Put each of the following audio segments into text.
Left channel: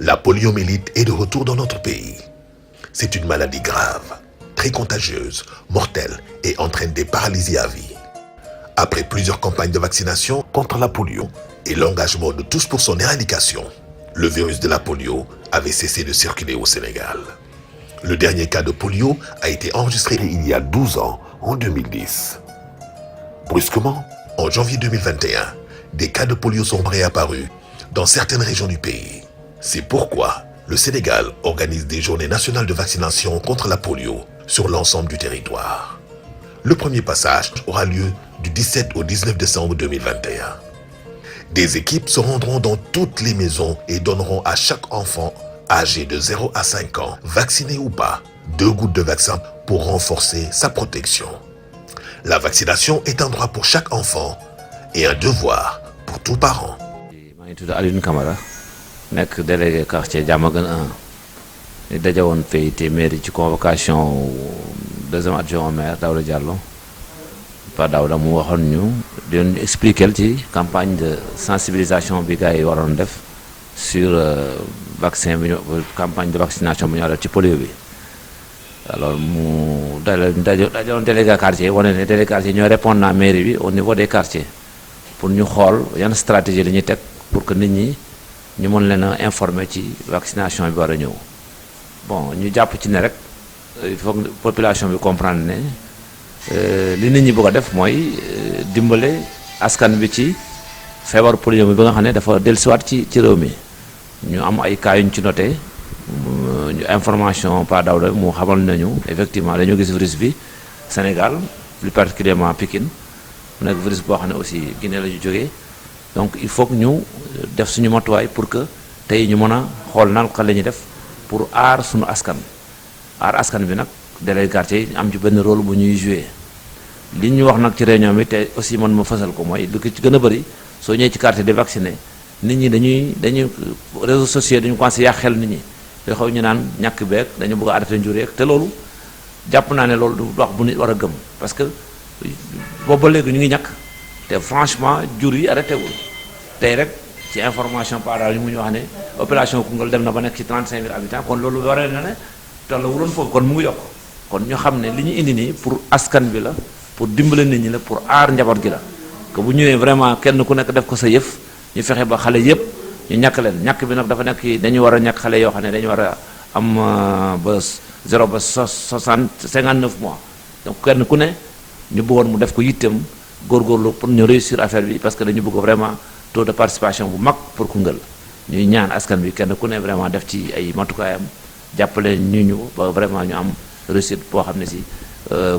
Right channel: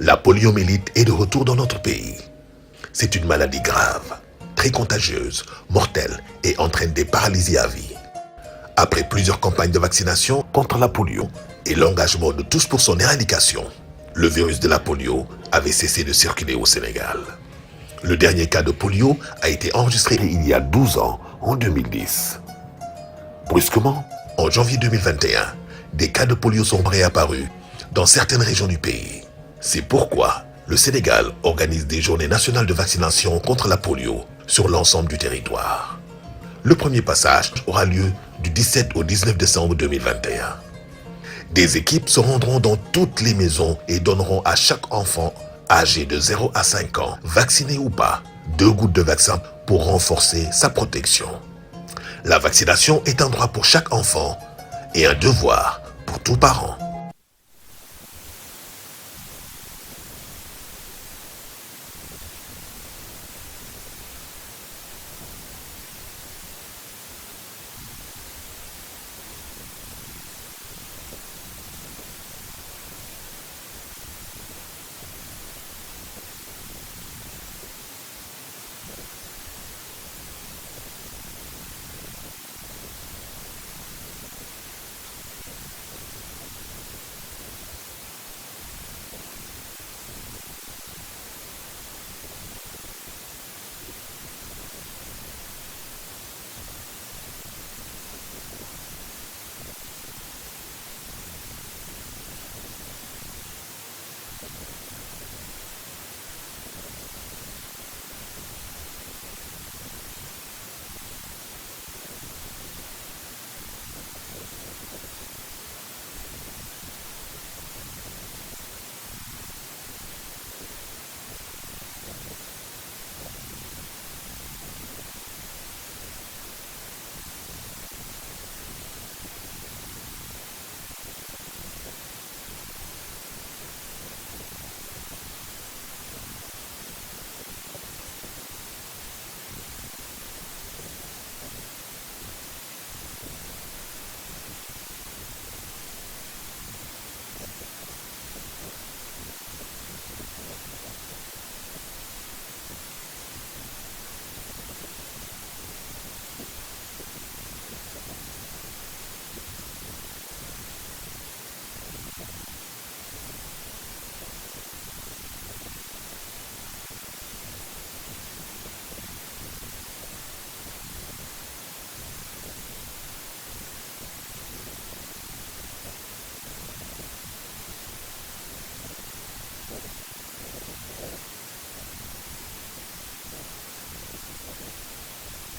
La poliomyélite est de retour dans notre pays. C'est une maladie grave, très contagieuse, mortelle et entraîne des paralysies à vie. Après plusieurs campagnes de vaccination contre la polio et l'engagement de tous pour son éradication, le virus de la polio avait cessé de circuler au Sénégal. Le dernier cas de polio a été enregistré il y a 12 ans, en 2010. Brusquement, en janvier 2021, des cas de polio sont réapparus dans certaines régions du pays. C'est pourquoi le Sénégal organise des journées nationales de vaccination contre la polio sur l'ensemble du territoire. Le premier passage aura lieu du 17 au 19 décembre 2021. Des équipes se rendront dans toutes les maisons et donneront à chaque enfant âgé de 0 à 5 ans, vacciné ou pas, 2 gouttes de vaccin pour renforcer sa protection. La vaccination est un droit pour chaque enfant et un devoir pour tout parent. nekk délégué quartier Diamaguène 1 ñu daje woon fii te mairie ci convocation deuxième adjoint au maire Daouda Diallo Pa Daouda mu waxoon ñu di leen expliquer ci campagne de sensibilisation bi gars yi waroon def sur vaccin bi ñu campagne de vaccination bi ñu def ci polio bi alors mu dajoon délégué quartier wane ne délégué quartier ñoo répondre na mairie bi au niveau des quartiers pour ñu xool yan stratégie la ñuy teg pour que nit ñi ñu mën leen a informer ci vaccination bi war a ñëw bon ñu jàpp ci ne rek il faut que population bi comprendre ne li nit ñi bëgg a def mooy dimbale askan bi ci feebar polio bi ba nga xam ne dafa dellusiwaat ci réew mi ñu am ay cas yu ñu ci noté ñu information Pa Daouda mu xamal nañu effectivement dañoo gis virus bi Sénégal plus particulièrement Pikine mu nekk virus boo xam ne aussi Guinée la ñu jógee donc il faut que ñu def suñu matuwaay pour que tey ñu mën a xool nan la ñuy def pour aar suñu askan bi nag délégué quartier yi am ci benn rôle bu ñuy joué li ñu wax nag ci réunion bi te aussi man ma fësal ko mooy lu ko ci gën a bëri soo ñëwee ci quartier di vacciné nit ñi dañuy réseaux sociaux dañu commencé yàq xel nit ñi yoo xaw ñu naan ñàkk beeg dañu bëgg a arrêté njur yeeg te loolu jàpp naa ne loolu du wax bu nit war a gëm parce que boobu ba léegi ñu ngi ñàkk te franchement jur yi arrêté wul tey rek ci information par yi mu ñu wax ne opération Koungheul dem na ba nekk ci 35 000 habitants kon loolu waree na ne tolla wuloon foofu kon mu ngi yokk kon ñu xam ne li ñu indi nii pour askan bi la pour dimbale nit ñi la pour aar njaboot gi la que bu ñëwee vraiment kenn ku nekk def ko sa yëf ñu fexe ba xale yëpp ñu ñàkk leen ñàkk bi nag dafa nekk dañu war a ñàkk xale yoo xam ne dañu war a am ba 0 ba 59 mois donc kenn ku ne ñu bëggoon mu def ko yittem góorgóorlu pour ñu réussir affaire bi parce que dañu bëgg vraiment taux de participation bu mag pour Koungheul ñuy ñaan askan bi kenn ku ne vraiment def ci ay matukaayam jàppale ñu ba vraiment ñu am réussite boo xam ne si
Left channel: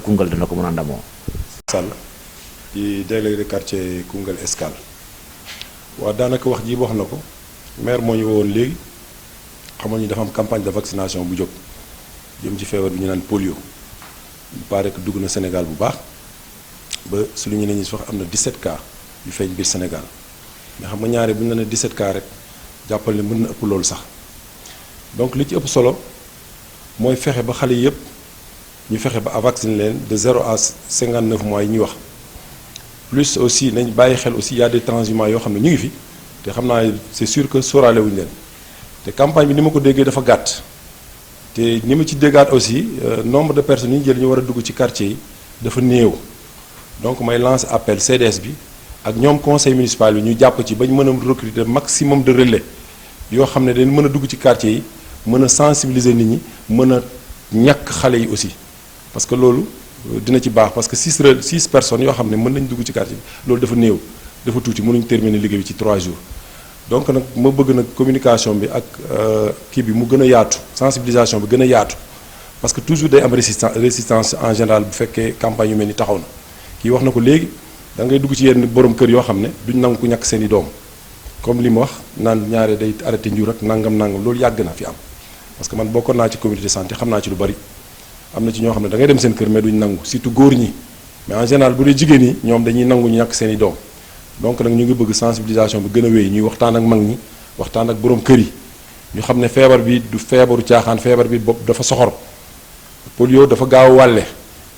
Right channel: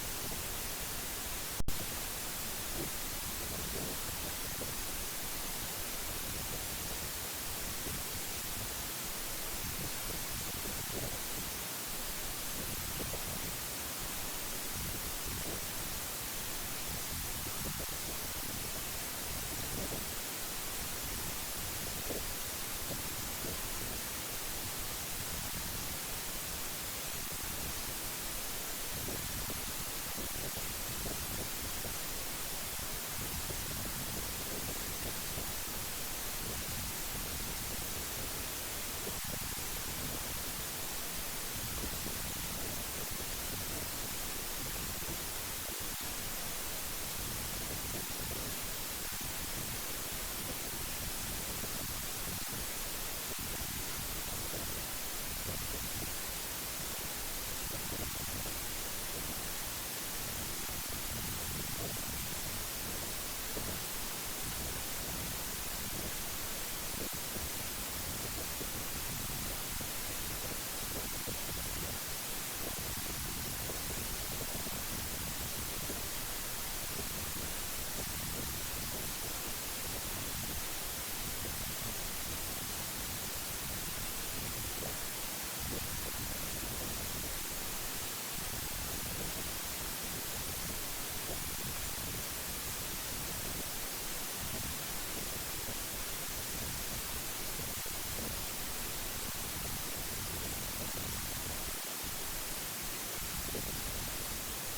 Koungheul dina ko mën a ndamoo. Sall di délégué de quartier Koungheul Escale waaw daanaka wax ji wax na ko maire moo ñu woon léegi xamal ñu dafa am campagne de vaccination bu jóg jëm ci feebar bi ñu naan polio il paraît que dugg na Sénégal bu baax. ba su lu ñu ne ñu wax am na 17 cas yu feeñ biir Sénégal mais xam nga ñaare bu ñu la ne 17 cas rek jàppal ne mën na ëpp loolu sax donc li ci ëpp solo mooy fexe ba xale yëpp ñu fexe ba vacciner leen de 0 à 59 mois yi ñuy wax plus aussi nañ bàyyi xel aussi y a des transhumants yoo xam ne ñu ngi fi te xam naa c'est sûr que sóoraale wuñu leen te campagne bi ni ma ko déggee dafa gàtt te ni ma ci déggaat aussi nombre de personnes yi ñu jël ñu war a dugg ci quartier yi dafa néew. donc may lance appel CDS bi ak ñoom conseil municipal bi ñu jàpp ci ba ñu mën a recruter maximum de relais yoo xam ne dañ mën a dugg ci quartier yi mën a sensibiliser nit ñi mën a ñàkk xale yi aussi parce que loolu dina ci baax parce que 6 personnes yoo xam ne mën nañ dugg ci quartier bi loolu dafa néew dafa tuuti mënuñ terminer liggéey bi ci 3 jours donc nag ma bëgg nag communication bi ak kii bi mu gën a yaatu sensibilisation bi gën a yaatu parce que toujours day am résistance en général bu fekkee campagne yu mel ni taxaw na kii wax na ko léegi da ngay dugg ci yenn borom kër yoo xam ne duñ nangu ku ñàkk seen i doom comme li ma wax naan ñaare day arrêté njur ak nangam loolu yàgg na fi am parce que man bokkoon naa ci communauté santé xam naa ci lu bari am na ci ñoo xam ne da ngay dem seen kër mais duñ nangu surtout góor ñi mais en général bu dee jigéen ñi ñoom dañuy nangu ñu ñàkk seen i doom donc nag ñu ngi bëgg sensibilisation bi gën a wéy ñuy waxtaan ak mag ñi waxtaan ak borom kër yi ñu xam ne feebar bi du feebaru caaxaan, feebar bi bopp dafa soxor. polio dafa gaaw a wàlle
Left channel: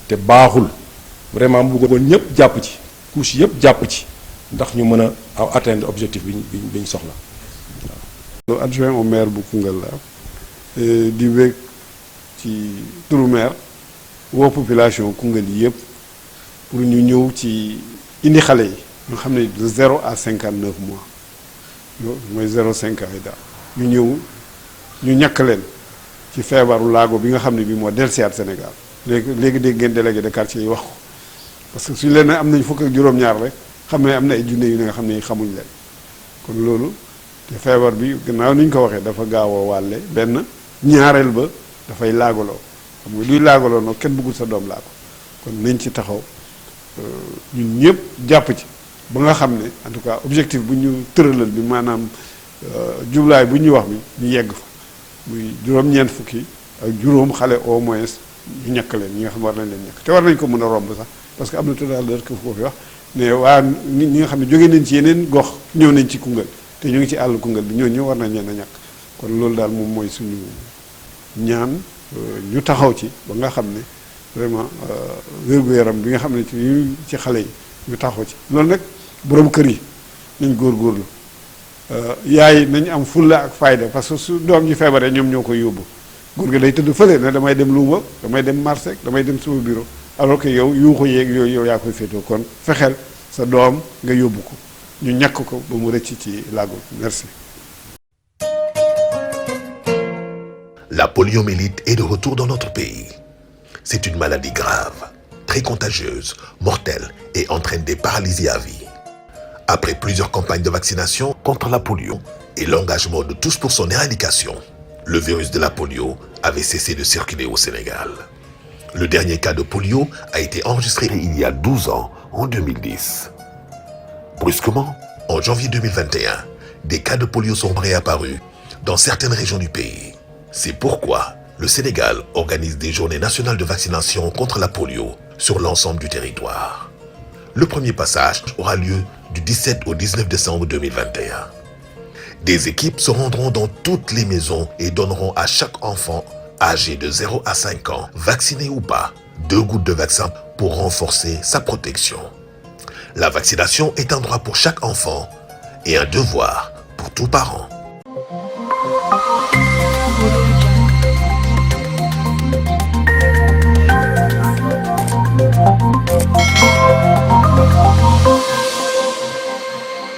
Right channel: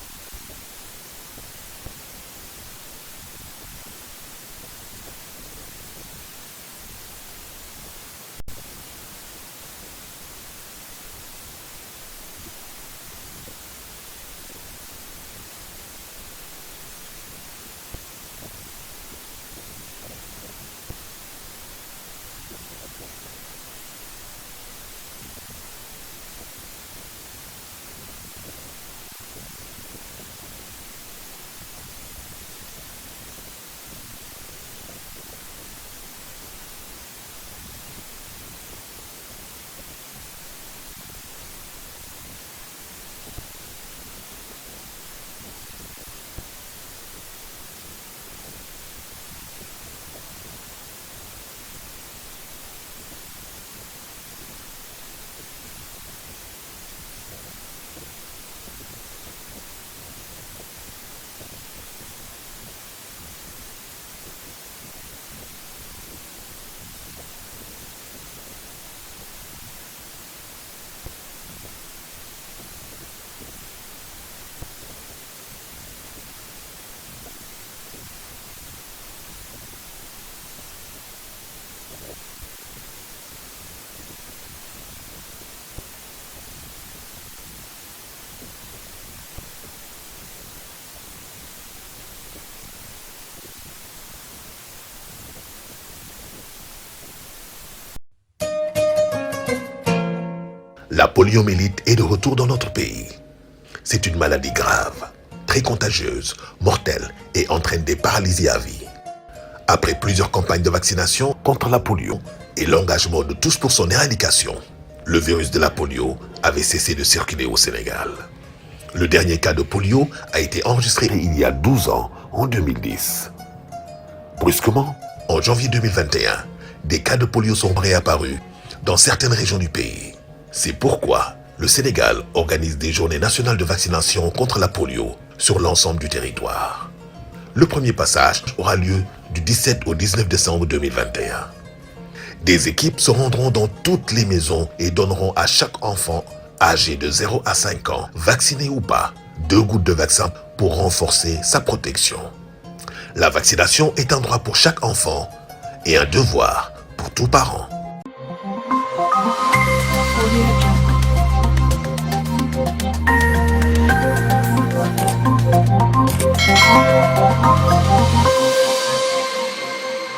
te baaxul vraiment mu bëggoon ñëpp jàpp ci couche yëpp jàpp ci ndax ñu mën a atteindre objectif bi ñu soxla. Adjoint au maire bu Koungheul la di wéeg ci turu maire woo population Koungheul yi yëpp pour ñu ñëw ci indi xale yi nga xam ne de 0 à 59 mois mooy 0,5 ans yi daal ñu ñëw ñu ñàkk leen ci feebaru laago bi nga xam ne bii moo dellusiwaat Sénégal léegi dégg ngeen délégué de quartier yi wax ko parce que suñu leen ne am nañ fukk ak juróom-ñaar rek xam ne am na ay junne yu ne nga xam ne xamuñ leen kon loolu te feebar bi gannaaw ni ñu ko waxee dafa gaaw a wàlle benn ñaareel ba dafay laagaloo xam nga luy laagaloo nag kenn bëggul sa doom laago kon nañ ci taxaw ñun ñëpp jàpp ci ba nga xam ne en tout cas objectif bu ñu tëralal bi maanaam jublaay bu ñuy wax bi ñu yegg fa muy juróom-ñeent fukki ak juróom xale au moins ñu ñàkk leen ñi nga xam war nañ leen ñàkk te war nañ ko mën a romb sax parce que am na tout à l'heure que foofu wax ne waa ñi nga xam ne jógee nañ ci yeneen gox ñëw nañ ci Koungheul te ñu ngi ci àll Koungheul bi ñooñu war nañ leen a ñàkk kon loolu daal moom mooy suñu ñaan ñu taxaw ci ba nga xam ne vraiment wér-gu-yaram bi nga xam ne ci xale yi ñu taxaw ci loolu nag borom kër yi nañ góorgóorlu yaay nañ am fulla ak fayda parce que su doom ji feebaree ñoom ñoo koy yóbbu góor gi day tëdd fële ne damay dem Louga damay dem marché damay dem sama bureau alors que yow yu ko yéeg yooyu yow yaa koy féetoo kon fexeel sa doom nga yóbbu ko ñu ñàkk ko ba mu rëcc ci laago merci. La poliomyélite est de retour dans notre pays. C'est une maladie grave, très contagieuse, mortelle et entraîne des paralysies à vie. Après plusieurs campagnes de vaccination contre la polio et l'engagement de tous pour son éradication, le virus de la polio avait cessé de circuler au Sénégal. Le dernier cas de polio a été enregistré il y a 12 ans, en 2010. Brusquement, en janvier 2021, des cas de polio sont réapparus dans certaines régions du pays. C'est pourquoi le Sénégal organise des journées nationales de vaccination contre la polio sur l'ensemble du territoire. Le premier passage aura lieu du 17 au 19 décembre 2021. Des équipes se rendront dans toutes les maisons et donneront à chaque enfant âgé de 0 à 5 ans, vacciné ou pas, 2 gouttes de vaccin pour renforcer sa protection. La vaccination est un droit pour chaque enfant et un devoir pour tout parent.